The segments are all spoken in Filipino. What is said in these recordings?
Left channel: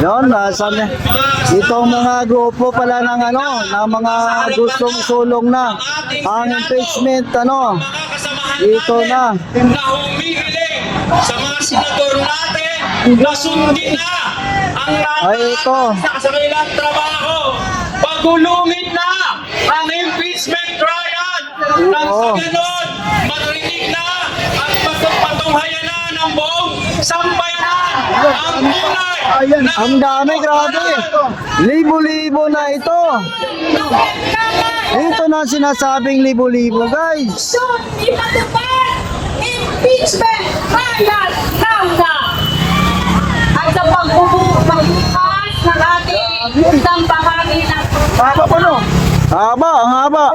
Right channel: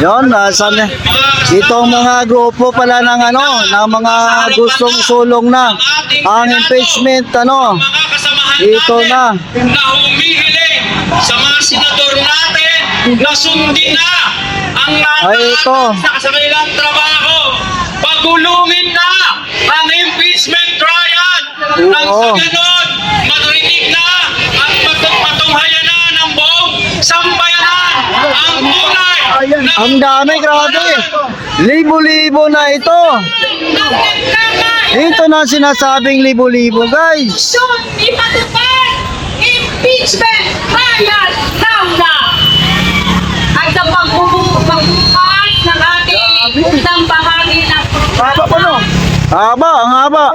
Yon, itong mga grupo pala ng ng mga gustong sulong na ang impeachment ito na. Na humihiling sa mga senador natin na sundin na ang ito. sa kanilang trabaho. Pagulungin na ang impeachment trial. Nang sa ganon, maturinig na at patunghayan na ng buong sambayanan ang kulay. Ang dami, grabe. Libo-libo na ito. Ito na sinasabing libo-libo, guys. Ipatupad impeachment trial now na. At sa pagbubukas ng ating isang bahagi ng Haba pa, no? Haba, ang haba.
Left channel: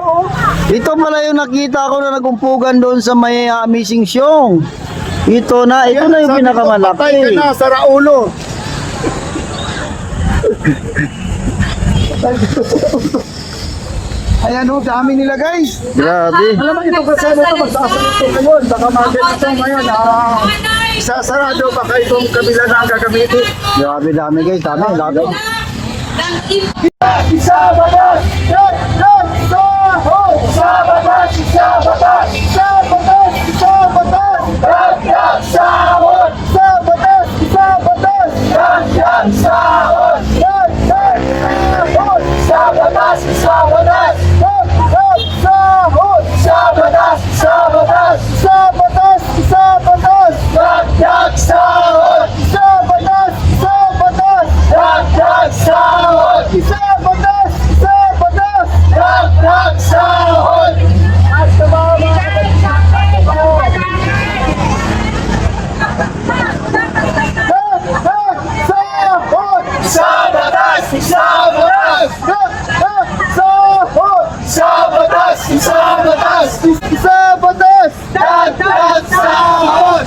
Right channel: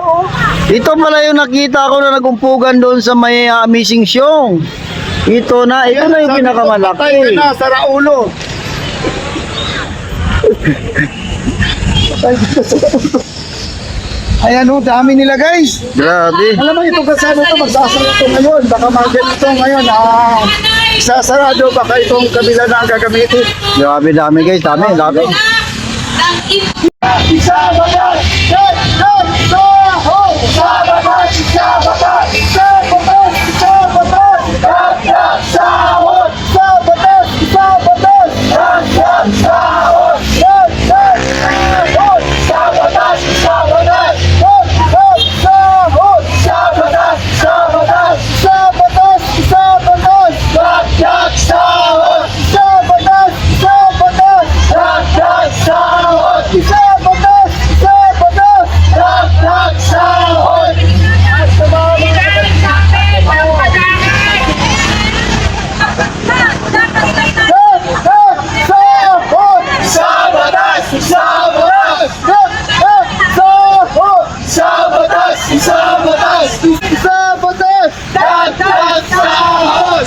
Ito pala yung nakita ko na nagumpugan doon sa may Missing Show. Ito na yung pinakamalaki. Sa Raulo. Ayan o, dami nila guys. Grabe. Alam mo, itong kasama ito, magsasara ito ngayon. Baka mag-ganito ngayon. Sasarado baka itong kabila na ang gagamitin. Grabe, dami guys, dami. Isabatas! Isabatas! Isabatas! Isabatas! Isabatas! Isabatas! Isabatas! Isabatas! Isabatas! Isabatas!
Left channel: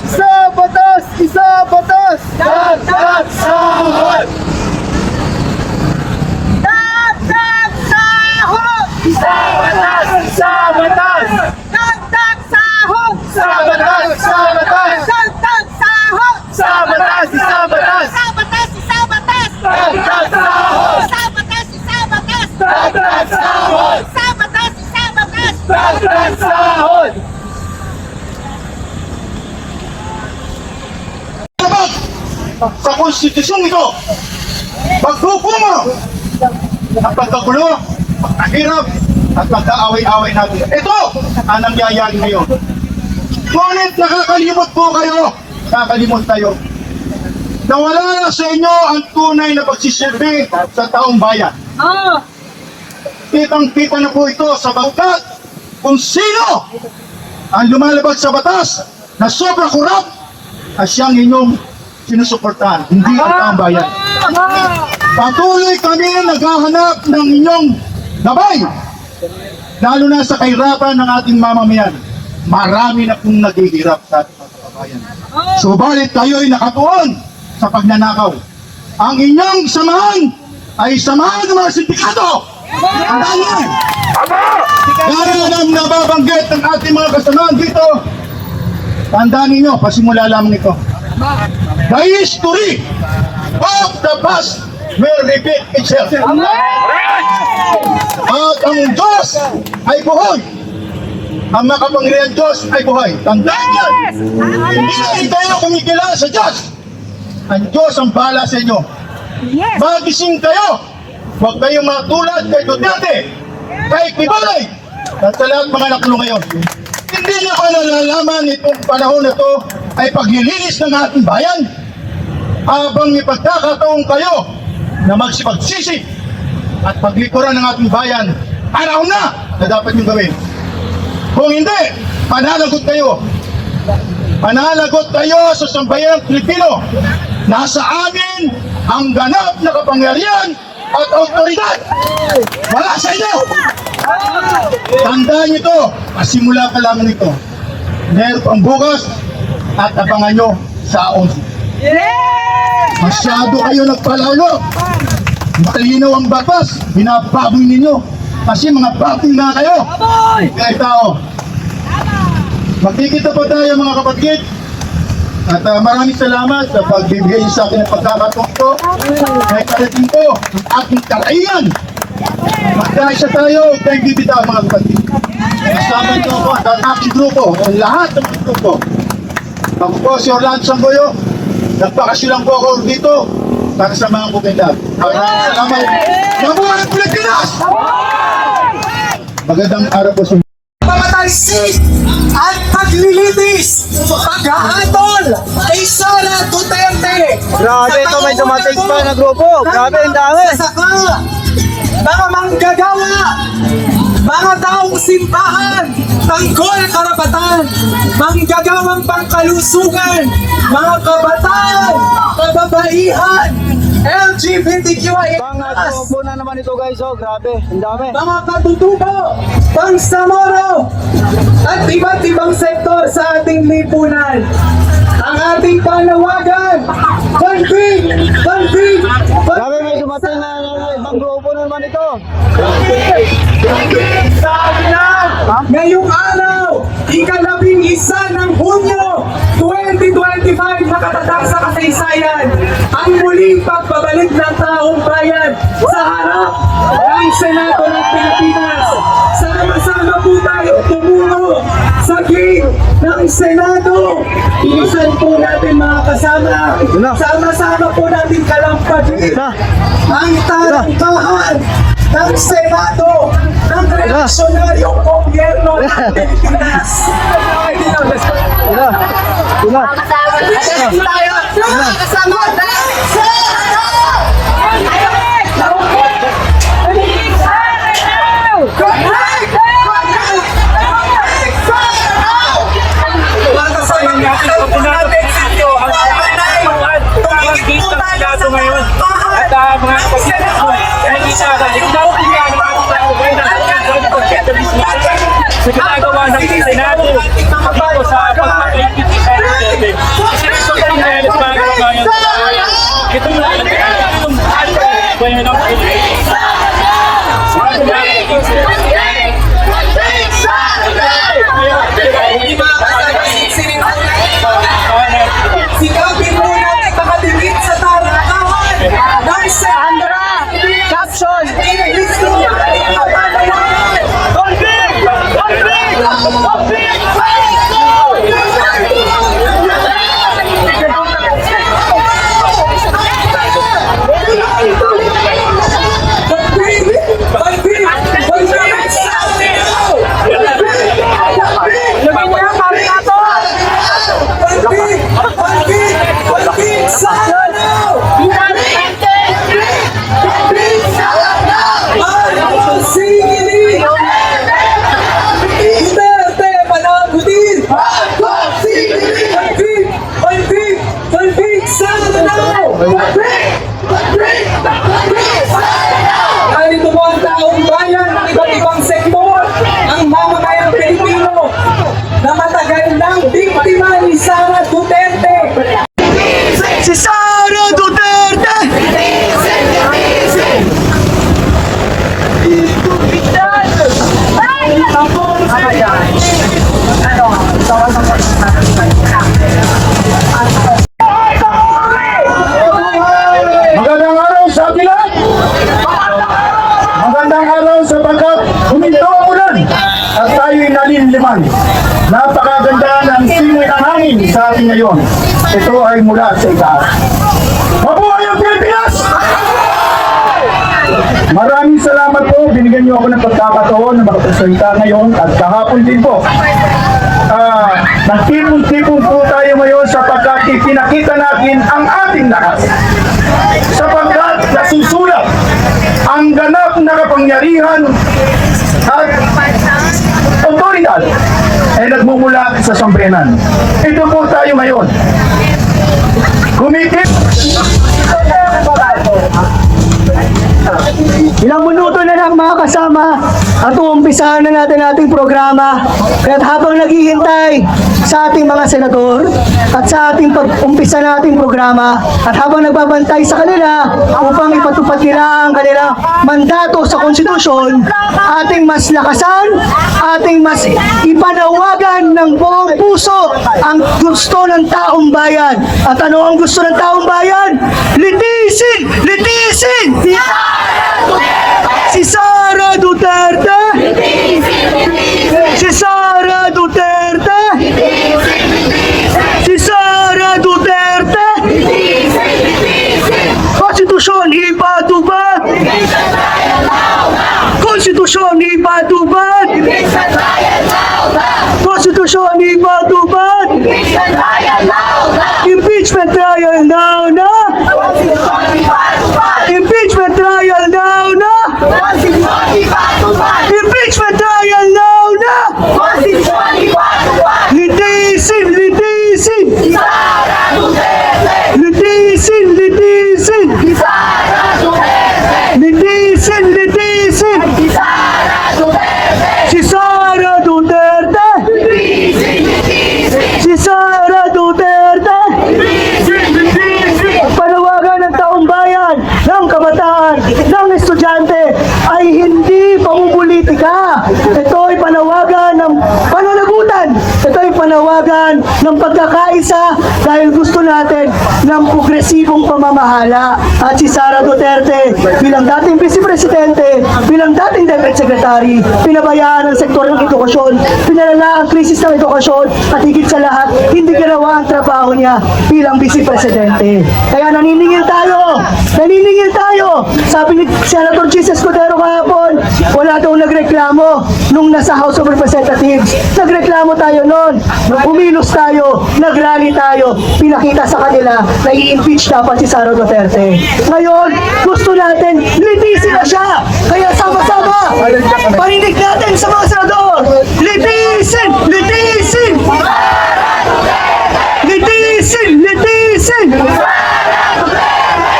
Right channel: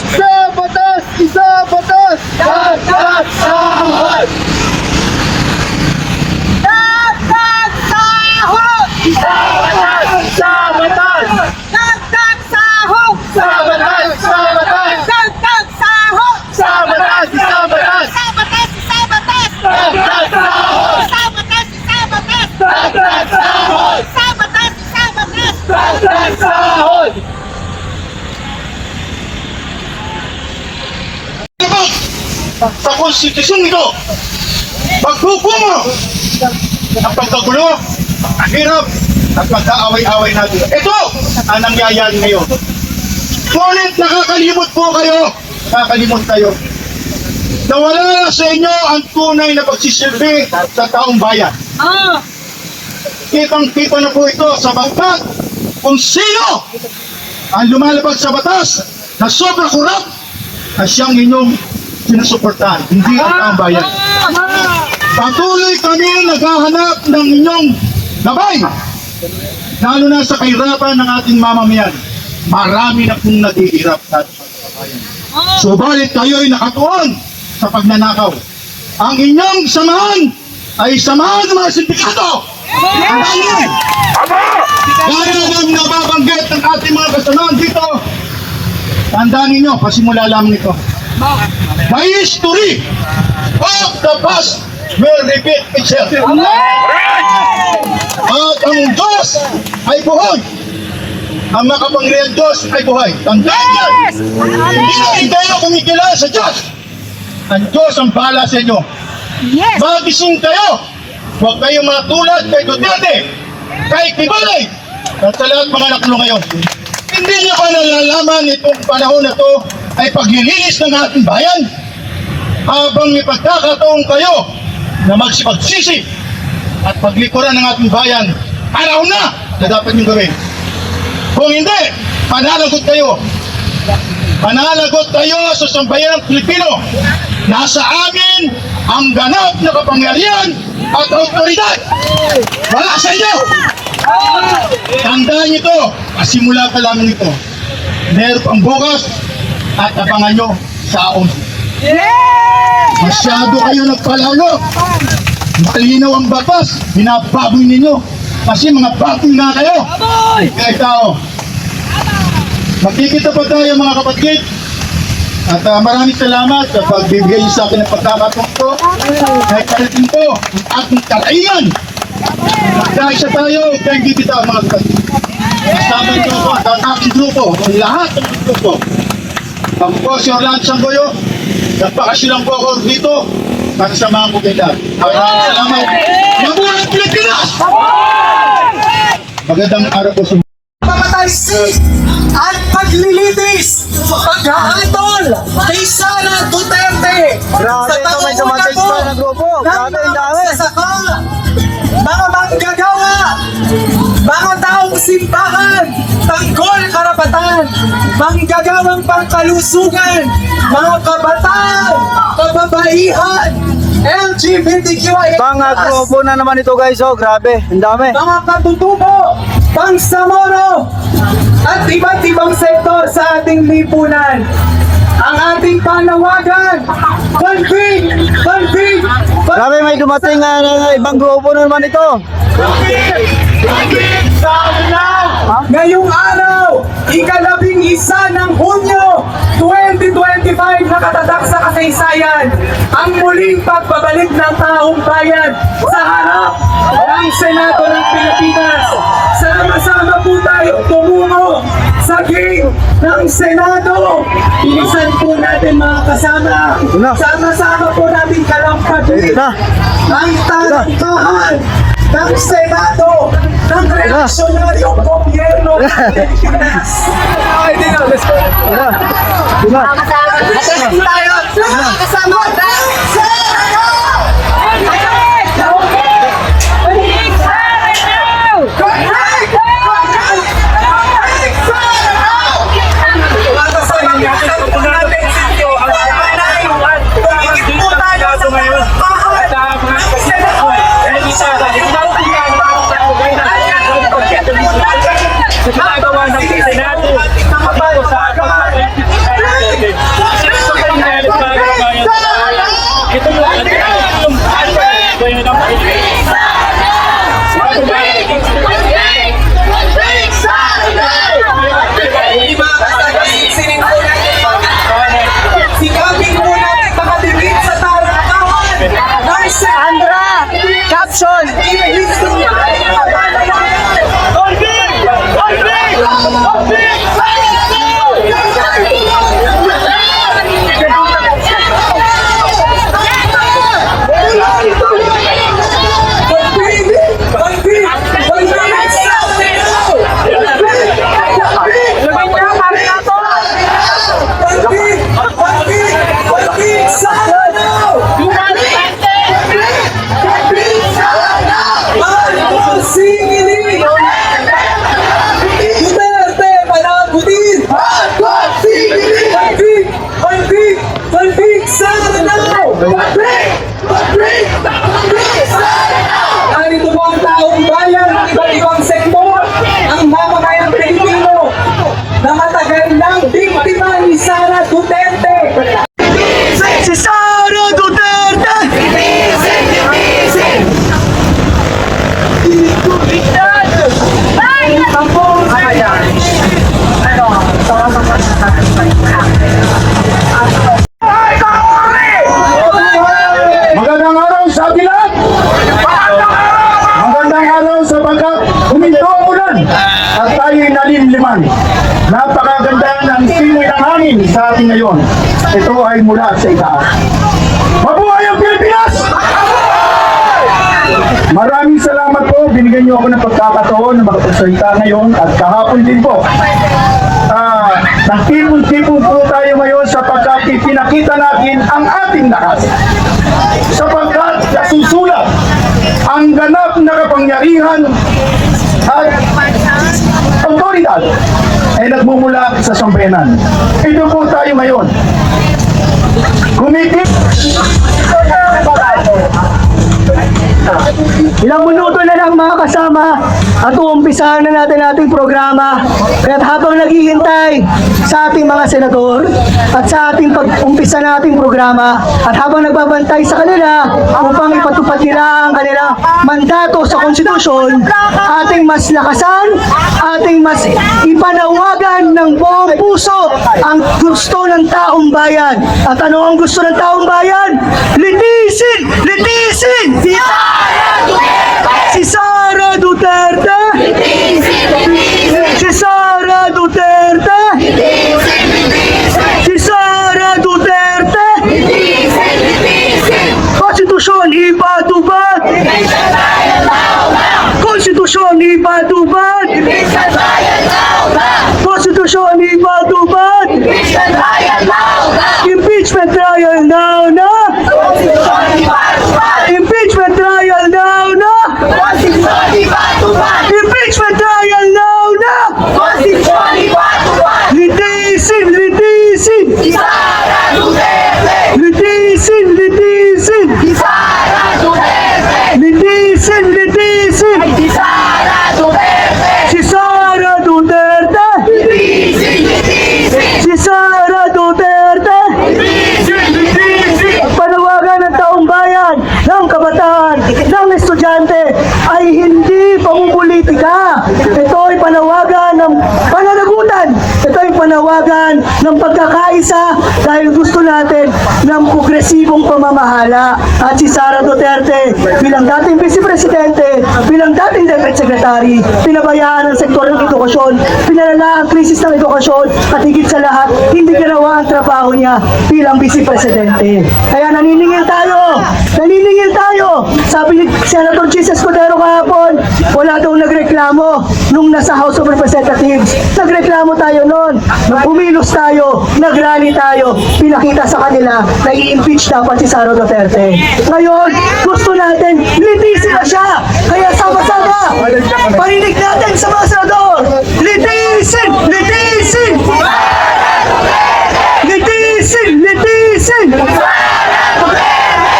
Isabatas! Isabatas! Isabatas! Sa konstitusyon ito, pagbubumo ang pagkagulo, ang hirap at pagkaaway-away natin. Ito ang nangyayari ngayon. Ngunit nakakalimot po kayo, nakakalimot kayo. Nawala na sa inyo ang tunay na pagsisilbi sa taong bayan. Kitang-kita na po ito sa bangkat kung sino ang lumalabag sa batas na sobra kurap na siyang inyong sinusuportahan, hindi ang taong bayan. Patuloy kami naghahanap ng inyong gabay, lalo na sa kahirapan ng ating mamamayan. Marami na pong naghihirap sa ating mga kababayan. Subalit kayo'y nakatuon sa pagnanakaw. Ang inyong samahan ay samahan ng mga sindikato. Gaya ng nababanggit ng ating mga kasamahan dito, tandaan ninyo, pasimula lamang ito. The history of the past will repeat itself. At ang Diyos ay buhay. Ang makapangyarihan Diyos ay buhay. Tandaan yan. Hindi kayo kumikilala sa Diyos. Ang Diyos ang bahala sa inyo. Magising kayo. Huwag kayong matulad kay Duterte, kay Kibalay, at sa lahat mga naklo ngayon. Hindi niyo ba nalalaman itong panahon na ito ay paglilinis ng ating bayan? Habang may pagkakataon kayo na magsipagsisi at paglikuran ng ating bayan, araw na dapat niyong gawin. Kung hindi, panalagot kayo. Panalagot kayo sa sambayanang Pilipino. Nasa amin ang ganap na kapangyarihan at otoridad. Wala sa inyo. Tandaan niyo ito. Pasimula pa lamang ito. Meron pang bukas at abangan nyo sa 11. Masyado kayo nagpalalo. Malinaw ang batas. Binababoy ninyo. Kasi mga baboy na kayo. Kaya tao. Magkikita pa tayo mga kapatid. At maraming salamat sa pagbibigay niyo sa akin ng pagkakataon ko. Kahit parating ko ang ating kalainan. Magkaisa tayo, kaya bibitaw mga kapatid. Kasama niyo ako at ang aking grupo, ang lahat ng mga grupo. Ako po si Orlando Sangoyo. Nagpakasilang po ako dito para sa mga kumindag. Maraming salamat. Mabuhay ang Pilipinas! Magandang araw po sa pamatalsik at paglilitis, paghahatol kay Sara Duterte. Grabe, ito may dumating pa na grupo. Grabe, ang dami. Saka, mga manggagawa, mga taong simbahan, tanggol karapatan, manggagawang pangkalusugan, mga kabataan, kababaihan, LGBTQIA+, Mga grupo na naman ito guys, oh, grabe, ang dami. mga katutubo, pangsamoro, at iba't ibang sektor sa ating lipunan. Ang ating panawagan, pantig, pantig, Grabe, may dumating na ibang grupo na naman ito. ngayong araw, ika-11 ng Hunyo 2025, nakatatak sa kasaysayan ang muling pagbabalik ng taong bayan sa harap ng Senado ng Pilipinas. Sama-sama po tayo tumungo sa gate ng Senado. Bilisan po natin mga kasama. Una. Sama-sama po natin kalampagin Na. ang talangkahan ng Senado ng reaksyonaryong gobyerno ng Pilipinas. Tira. Tira. Kasama sikapin po natin makadikit sa talangkahan. Sandra! Caption! Duterte, panagutin! Pag-big! Sana daw! Narito po ang taong bayan ng iba't ibang sektor ng mamakayang Pilipino na matagal ng biktima ni Sara Duterte. Si Sara Duterte! Magandang araw sa ating lahat! Magandang araw sapagkat huminto ang ulan at tayo'y nalinliman. Napakaganda ng simoy ng hangin sa ating ngayon. Ito ay mula sa itaas. Mabuhay ang Pilipinas! Maraming salamat po. Binigyan niyo ako ng pagkakataon na makapagsalita ngayon at kahapon din po. Nagtipon-tipon po tayo ngayon sapagkat ipinakita natin ang ating lakas. Sapagkat nasusulat ang ganap na kapangyarihan at otoridad ay nagmumula sa sambayanan. Ito po tayo ngayon. Kumikit. Ilang minuto na lang mga kasama at uumpisahan na natin ating programa. Kaya habang naghihintay sa ating mga senador at sa ating pag-umpisa na ating programa at habang nagbabantay sa kanila upang ipatupad nila ang kanilang mandato sa konstitusyon, ating mas lakasan, ating mas ipanawagan ng buong puso puso ang gusto ng taong bayan. At ano ang gusto ng taong bayan? Litisin! Litisin! Si Sara Duterte! Si Sara Duterte! Si Sara Duterte! Konstitusyon ipatupad! Konstitusyon ipatupad! Konstitusyon ipatupad! Impeachment trial now na! Impeachment trial now na! Impeachment trial now na! Litisin! Litisin! Litisin! Litisin! Litisin! Litisin! Si Sara Duterte! Si Sara Duterte! Panawagan ng taong bayan, ng kabataan, ng estudyante ay hindi pamumulitika. Ito ay panawagan ng pananagutan. Ito ay panawagan ng pagkakaisa dahil gusto natin ng progresibong pamamahala. At si Sara Duterte bilang dating Vice Presidente, bilang dating Deputy Secretary, pinabayaan ang sektor ng edukasyon, pinalala ang krisis ng edukasyon at higit sa lahat, hindi ginawa ang trabaho niya bilang Vice Presidente. Kaya naniningil tayo! Naniningil tayo! Sabi ni Senator Jesus Cordero kahapon, wala daw nagreklamo nung nasa House of Representatives. Nagreklamo tayo noon. Umilos tayo. Nagrally tayo. Pinakita sa kanila na i-impeach dapat si Sara Duterte. Ngayon, gusto natin, litisin na siya. Kaya sama-sama, parinig natin sa mga senador. Litisin! Litisin! Litisin! Litisin!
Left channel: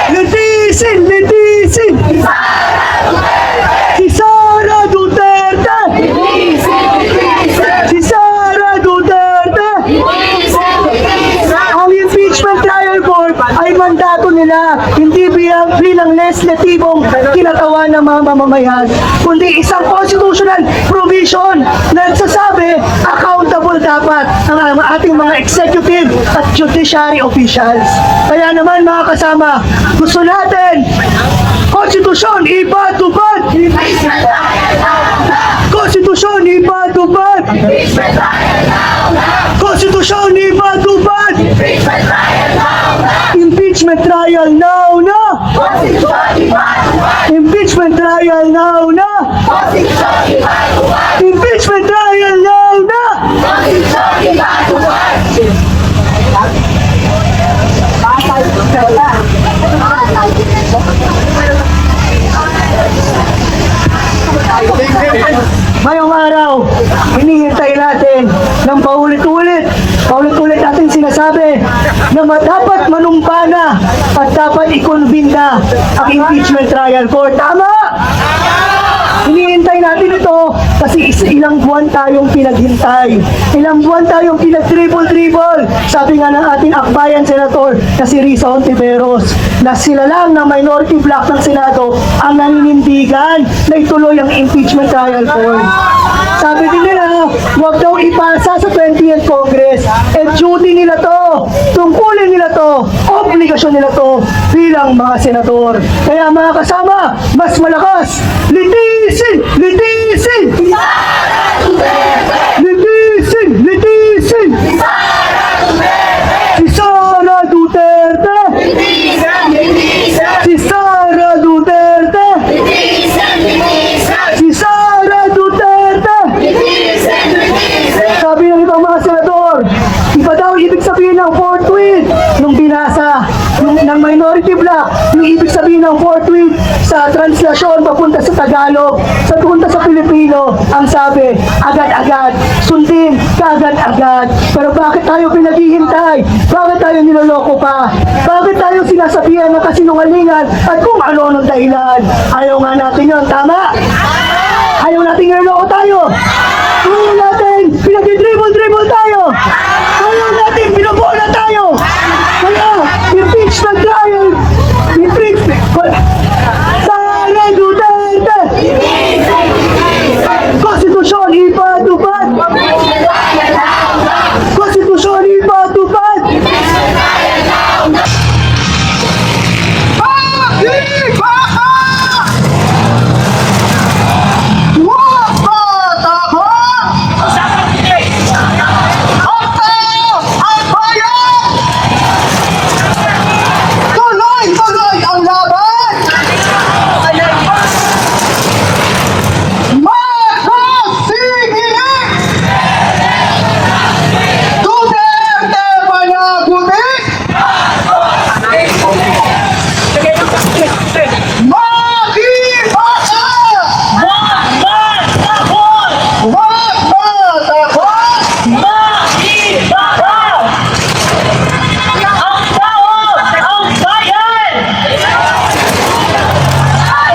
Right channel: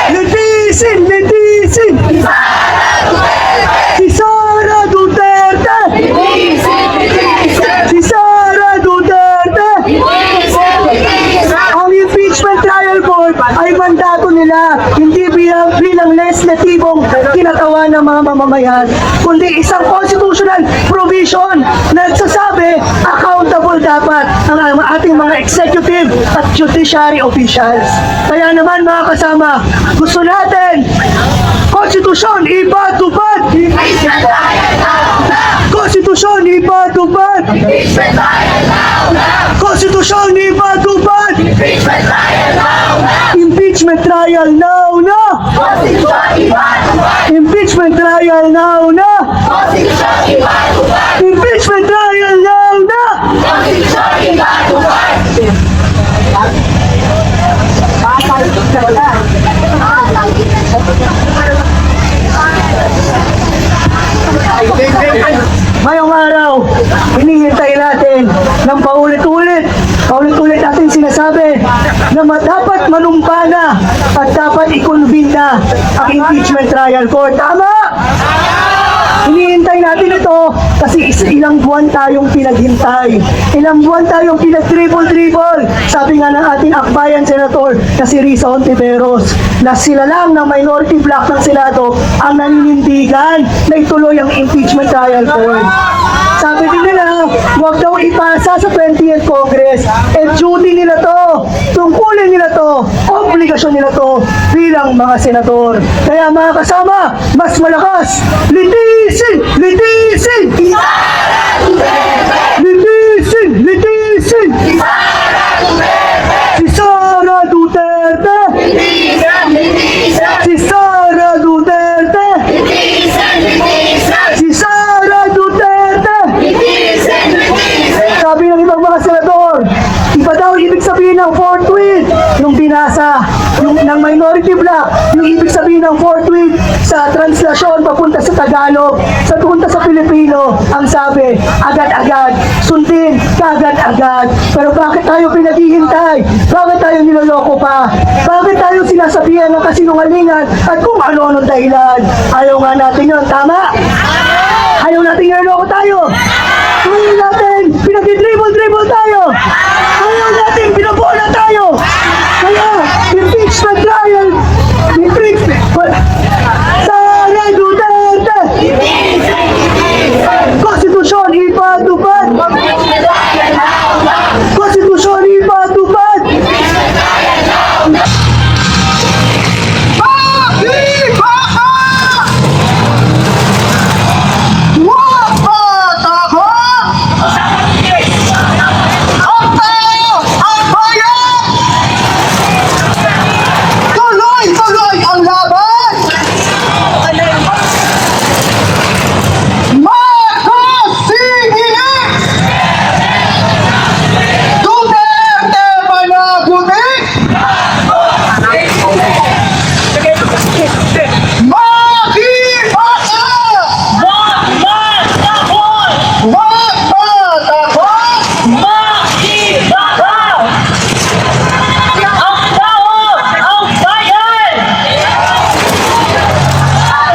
Litisin! Litisin! Si Sara Duterte! Si Sara Duterte! Ang impeachment trial board ay mandato nila hindi bilang legislatibong kinakawan ng mga mamamayan, kundi isang constitutional provision na nagsasabi accountable dapat ang ating mga executive at judiciary officials. Kaya naman mga kasama, gusto natin konstitusyon ipatupad! Konstitusyon ipatupad! Konstitusyon ipatupad! Impeachment trial now na! Impeachment trial now na! Impeachment trial now na! Ngayong araw, hinihintay natin ng paulit-ulit natin sinasabi na dapat manumpa na at dapat i-convene na ang impeachment trial court. Tama! Hinihintay natin ito kasi ilang buwan tayong pinaghintay. Ilang buwan tayong pinag-dribble. Sabi nga ng ating akbayan senator na si Risa Hontiveros na sila lang na minority bloc ng Senado ang naninindigan na ituloy ang impeachment trial court. Sabi din nila, huwag daw ipasa sa 20th Congress. Duty nila to, tungkulin nila to, obligasyon nila to bilang mga senador. Kaya mga kasama, mas malakas, litisin! Litisin! Litisin! Litisin! Si Sara Duterte! Si Sara Duterte! Si Sara Duterte! Sabi ng ibang mga senador, iba daw ibig sabihin ng forthwith nung binasa ng minority bloc, yung ibig sabihin ng forthwith sa translasyon papunta sa Tagalog, papunta sa Pilipino, ang sabi, agad-agad, sundin, kagad-agad. Pero bakit tayo pinaghihintay? Bakit tayo niloloko pa? Bakit tayo sinasabihan ng kasinungalingan at kung ano ng dahilan? Ayaw nga natin yun, tama? Ayaw natin niloloko tayo. Ayaw natin, pinag-dribble tayo. Ayaw natin, binabola tayo. Kaya, impeachment trial, impeachment, Sara Duterte! Konstitusyon ipatupad!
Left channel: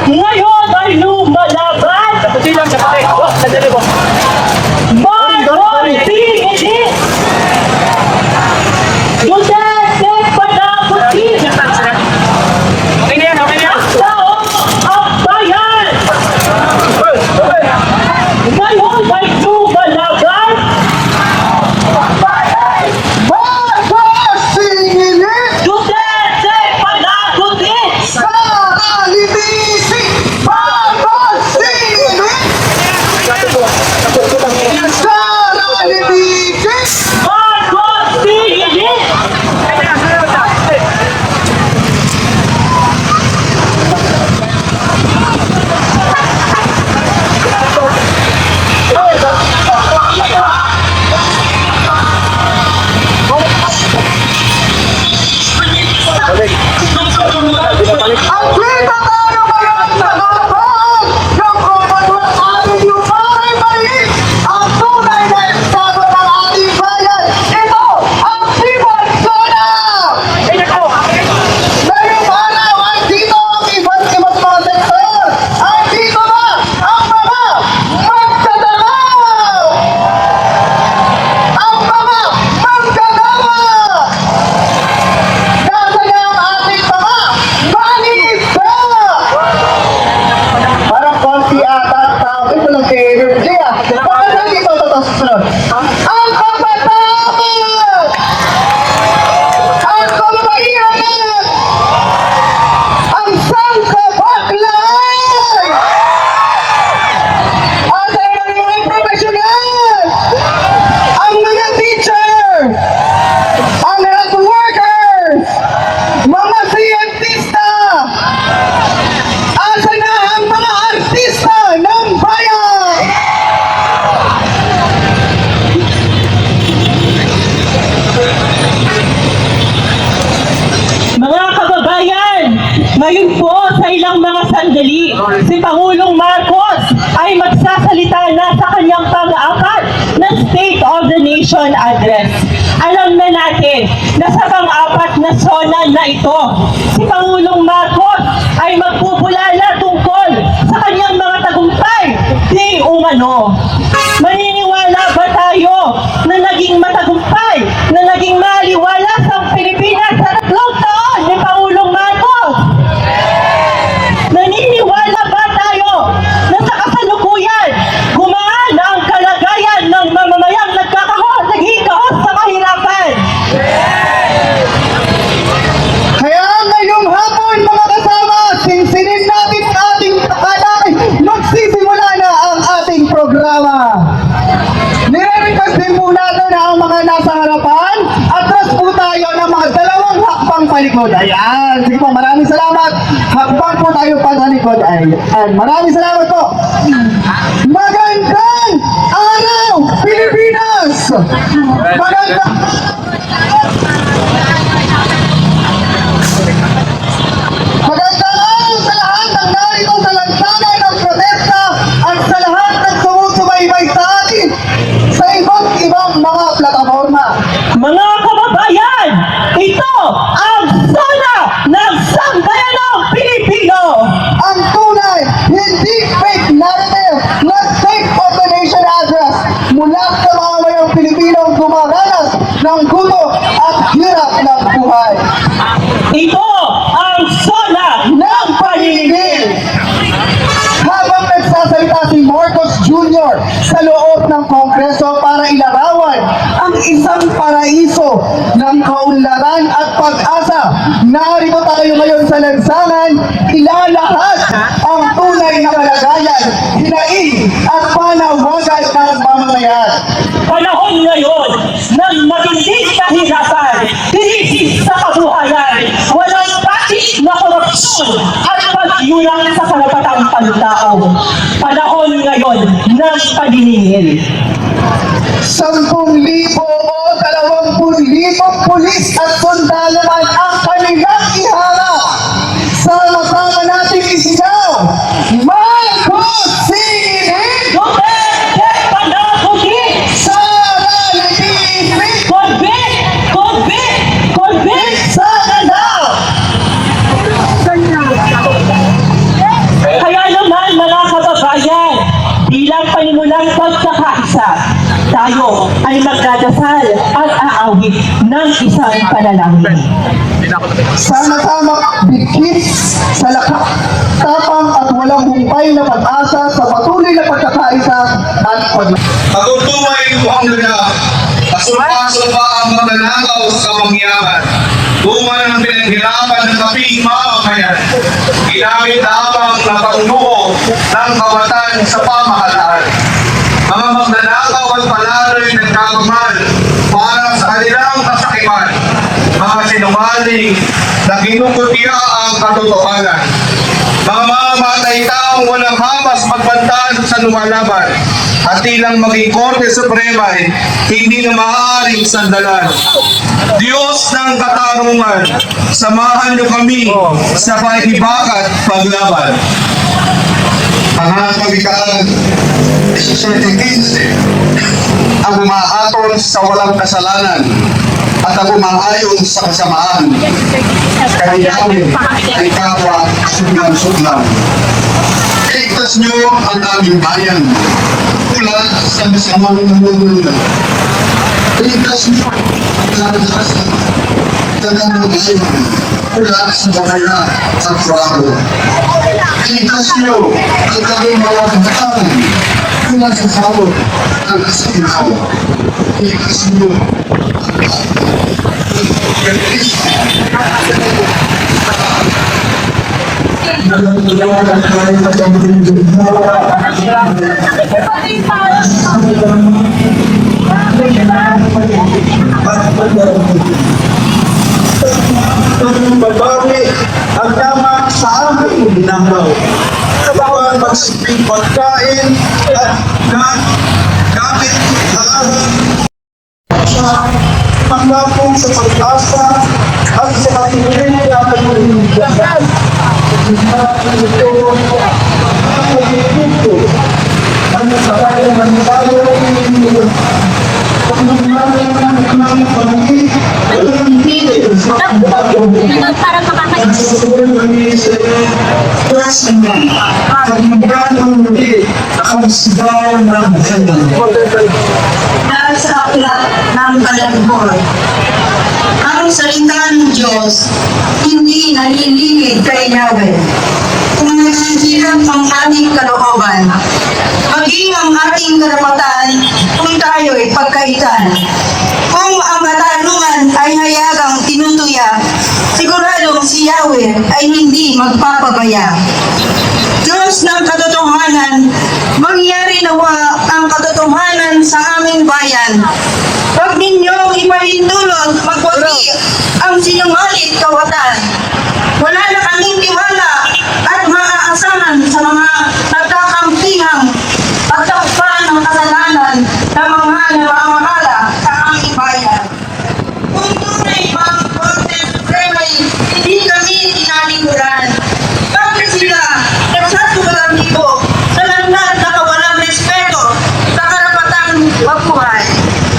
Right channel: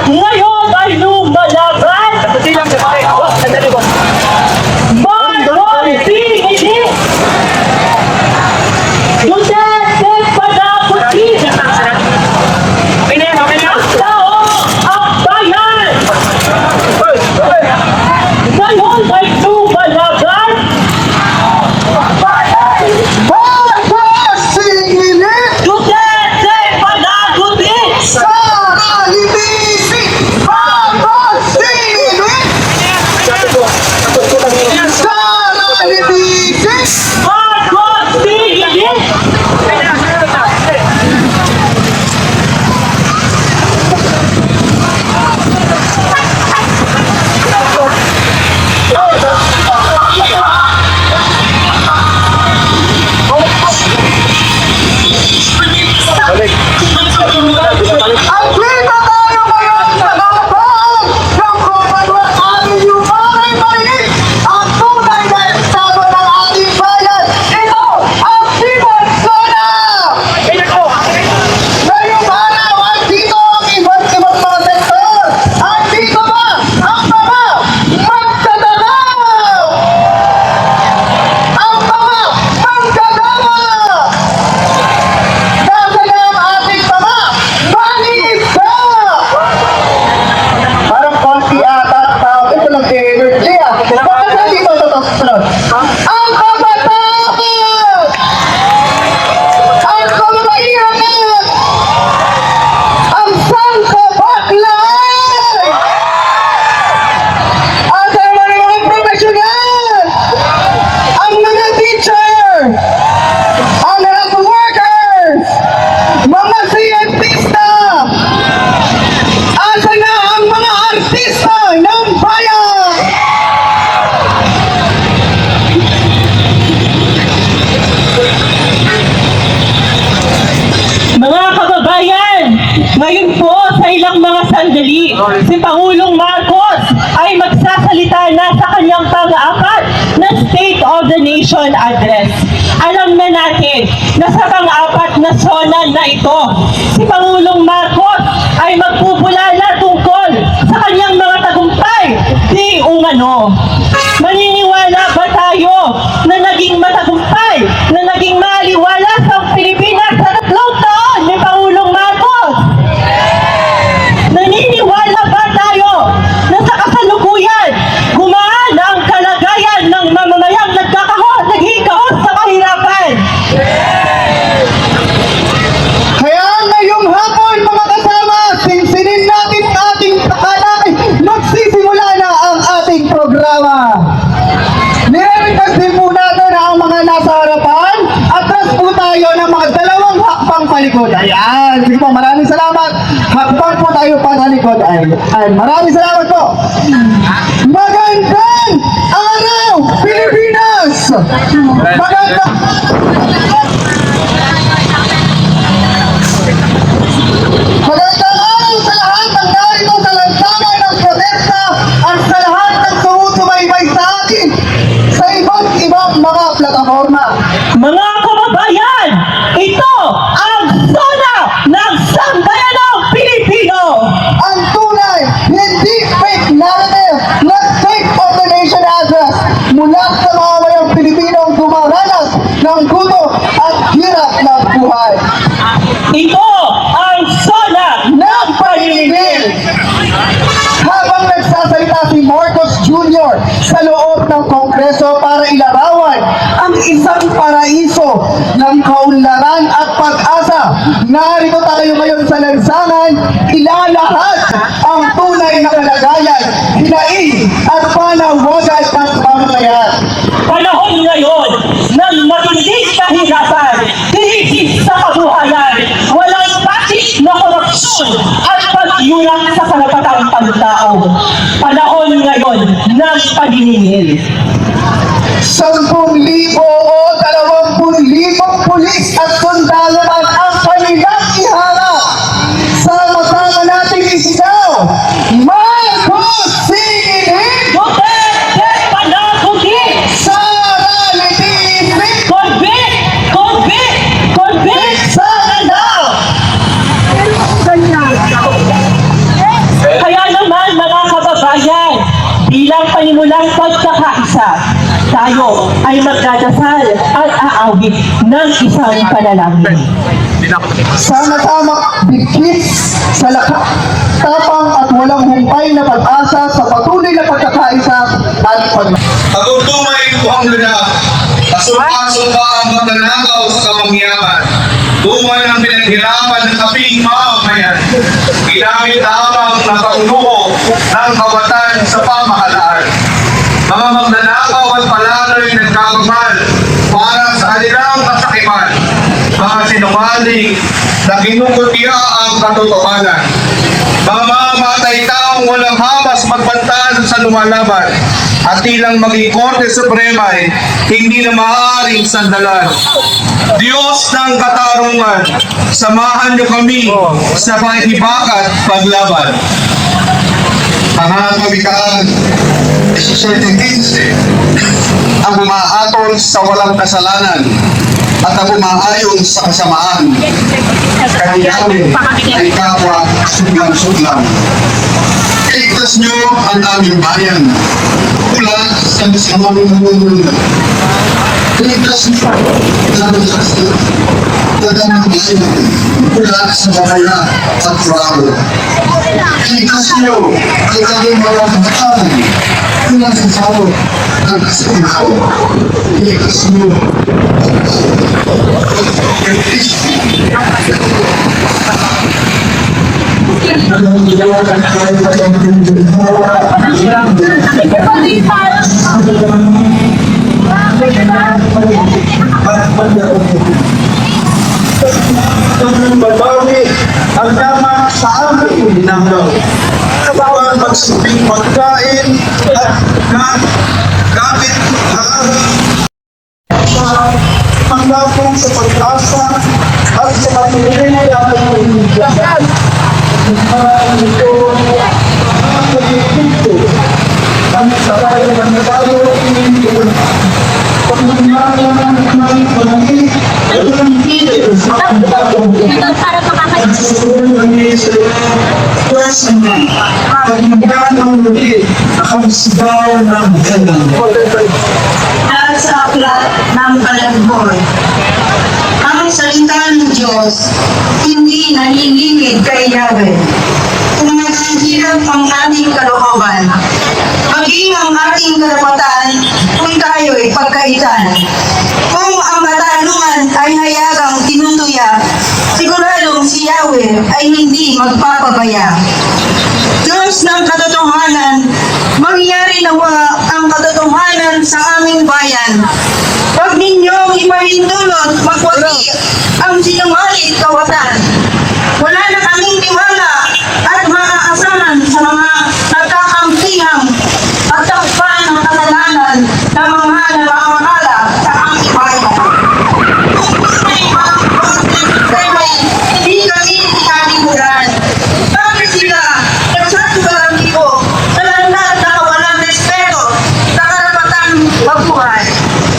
Ngayon ay lumalaban. Marcos Pinilit. Duterte panagutin. Taong ang bayan. Ngayon ay lumalaban. Marcos Singilin! Duterte panagutin. Sara Libisi! Marcos Singilin! Sara Libisi! Marcos Pinilit. Ang kita tayo ngayon sa laban ng pagkakas ating yung paring mali ang tunay na estado ng ating bayan. Ito ang Timon Sona! Ngayong araw ay dito ang iba't ibang mga sektor. Ay dito ba ang mga magdadalaw? Ang mga magdadalaw! Nasa na ang ating mga manisa! Parang konti ata ang tao. Ito lang si Energy ah. Bakit hindi mo ito susunod? Ang kabataan! Ang kababaihan! Ang sangkapaklan! Asa naman ang mga professional! Ang mga teacher! Ang health workers! Mga siyentista! Asa na ang mga artista ng bayan? Mga kababayan, ngayon po sa ilang mga sandali, si Pangulong Marcos ay magsasalita na sa kanyang pang-apat na State of the Nation Address. Alam na natin na sa pang-apat na zona na ito, si Pangulong Marcos ay magpupulala tungkol sa kanyang mga tagumpay di umano. Maniniwala ba tayo na naging matagumpay, na naging maliwalas ang Pilipinas sa 3 taon ni Pangulong Marcos? Naniniwala ba tayo na sa kasalukuyan, gumaan ang kalagayan ng mamamayang naghihikahos sa kahirapan? Kaya ngayong hapon mga kasama, sinsinin natin sa ating takanay, magsisimula na ang ating programa. Nire-request din po natin ang mga nasa harapan, atras po tayo ng mga 2 hakbang palikod. Ayan, sige po, maraming salamat. Hakbang po tayo patalikod. Ayan, maraming salamat po. Magandang araw, Pilipinas! Magandang Magandang araw sa lahat ng narito sa lansangan ng protesta at sa lahat ng sumusubaybay sa atin sa iba't ibang mga plataforma. Mga kababayan, ito ang zona ng sambayanang Pilipino. Ang tunay, hindi fake narrative na State of the Nation Address mula sa mga mayang Pilipinong dumaranas ng gulo at hirap ng buhay. Ito ang zona ng paninigil. Habang nagsasalita si Marcos Jr. sa loob ng Kongreso para ilarawan ang isang paraiso ng kaunlaran at pag-asa, narito tayo ngayon sa lansangan, ilalahad ang tunay na kalagayan, hinaing at panawagan ng mamamayan. panahon ngayon ng matinding kahirapan, krisis sa kabuhayan, walang patis na korupsyon at pagyulang sa karapatang pantao. Panahon ngayon ng paniningil. 10,000 o 20,000 pulis at sundalo man ang kanilang iharap. Sama-sama natin isigaw, Marcos Singilin! Duterte panagutin! Sara Libisi! Convict! Convict! Convict! Sana daw! isang panalangin. Sana tama bigkis sa lakas, tapang at walang humpay na pag-asa sa patuloy na pagkakaisa at Pagtunay ko ang luna, pasumpa-sumpa ang magnanakaw sa kamangyaman. Bunga ng pinaghirapan ng kaping mamamayan. Ginamit lamang na pangnuho ng kawatan sa pamahalaan. Mga magnanakaw at palaloy nagmamahal para sa kanilang kasakiman. Mga sinungaling na kinukutya ang katotohanan. Mga mamamatay taong walang hamas magbantaan sa lumalaban at ilang maging Korte Suprema ay hindi na maaaring sandalan. Diyos ng katarungan, samahan niyo kami sa pakikibagat paglaban. Ang kawikaan 17:15 ang umaaton sa walang kasalanan at ang umaayon sa kasamaan. Kayanin ay kapwa sudlang-sudlang. Iligtas niyo ang aming bayan mula sa masamang namumuno. Iligtas niyo ang aming kasi tagang bayan mula sa bahaya at bravo. Iligtas niyo ang aming mga kabataan mula sa salo at kasalanan. Iligtas niyo Babawi ang tama sa aming ginagawa. Bawal magsiping pagkain at gamit hanggang sa pag-asa at sa patuloy na pagkakas. Ang sakay ng tayo Dahil sa aklat ng Balagboy, ang salita ng Diyos hindi nalilimit kay Yahweh. Kung naghihirap ang ating kalooban, maging ang ating karapatan kung tayo'y pagkaitan. Kung ang katarungan ay hayagang tinutuya, siguradong si Yahweh ay hindi magpapabaya. Diyos ng katotohanan, mangyari nawa ang katotohanan sa aming bayan. Huwag ninyong ipahintulot magwagi ang sinungaling kawatan. Wala na kaming tiwala at maaasahan sa mga nagkakampihang at takpan ng kasalanan ng mga namamahala sa aming bayan. Kung tunay palang hindi kami tinatiguran. Bakit sila nagsasagarang ito sa landas na kawalang respeto sa karapatang magbuhay?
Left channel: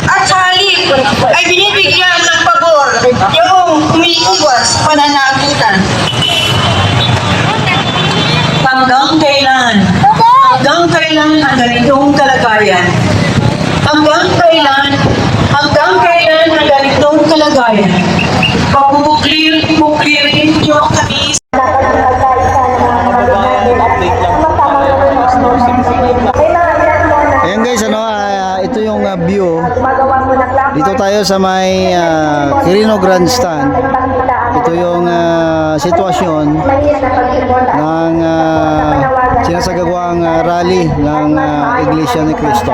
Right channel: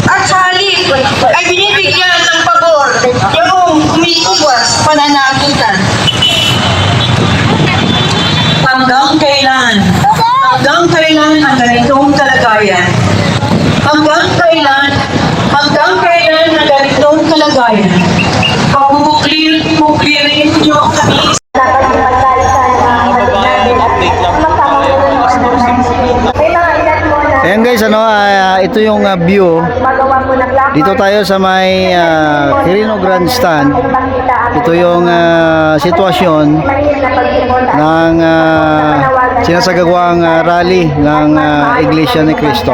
At sa halip ay binibigyan ng pagor yung umiiwas pananagitan. Hanggang kailan ang ganitong kalagayan? Hanggang kailan ang ganitong kalagayan? Pagpupuklirin niyo kami. Ayan guys, ito yung view. Dito tayo sa may Quirino Grandstand. Ito yung sitwasyon ng sinasagawang rally ng Iglesia ni Cristo.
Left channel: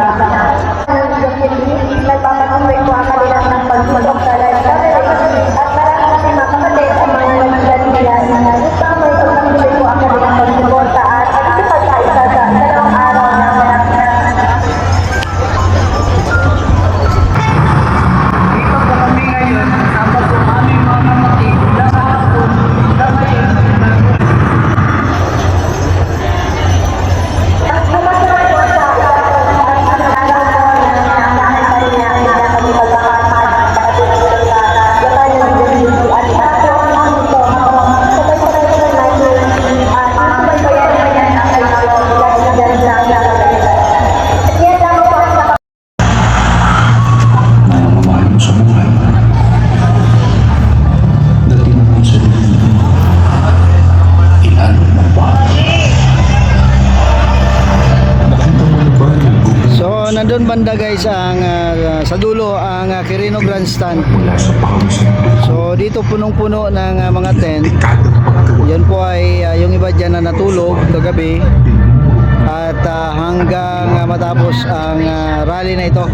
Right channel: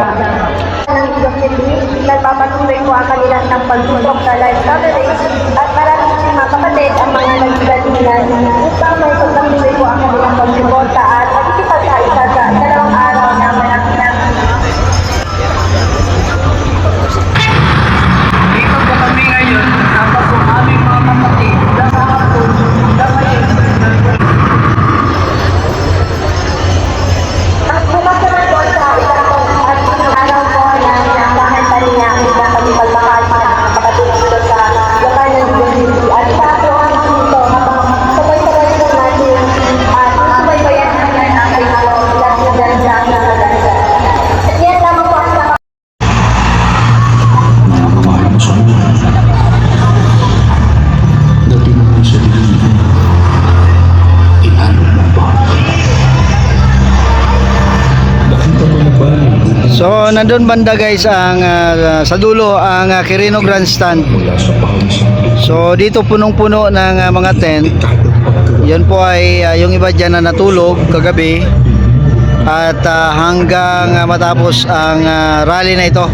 Nagpapatuloy po ang kanilang ng pagtulog sa live coverage at maraming si mga kapatid ang mga nagsigat nila. Nagpapatuloy pagtatuloy po ang kanilang pagsuporta at pagkikipagkaisa sa dalawang araw na Dito po kami ngayon, kasama po aming mga kapatid. Bukas naman po sa ikatong at ang araw po na nandahan pa rin ang pagpagpapakasal ng kapatid dito sa Yaman ng University at sa po ang dito habang sabay-sabay po natin susubaybayan nandun banda guys ang sa dulo ang Quirino Grandstand. So dito punong-puno ng mga tent. Yan po ay yung iba dyan na natulog kagabi. At hanggang matapos ang rally na ito.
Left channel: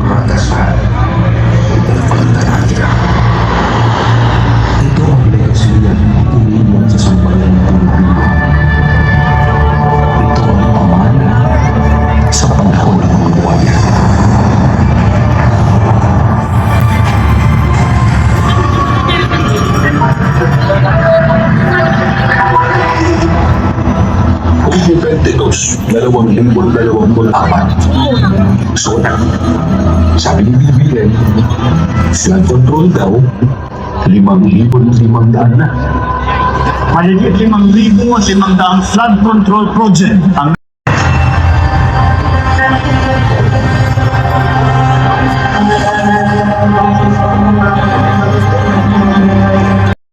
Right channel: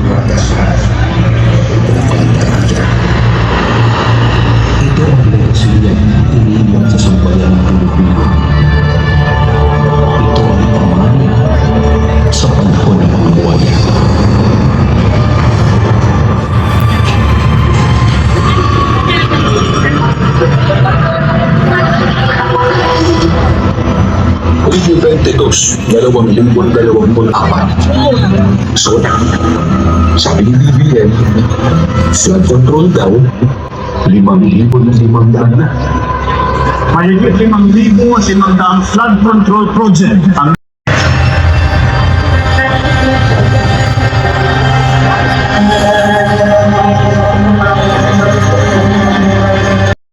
Ito ang legasilya iniiwan sa sambayan ng Pilipino. Ito ang pamana sa panahon ng buhay. Kung 22, 2024. Soda. Sabi ni BBM, flood control daw, 5,500 na. Mahigit 5,500 flood control project ang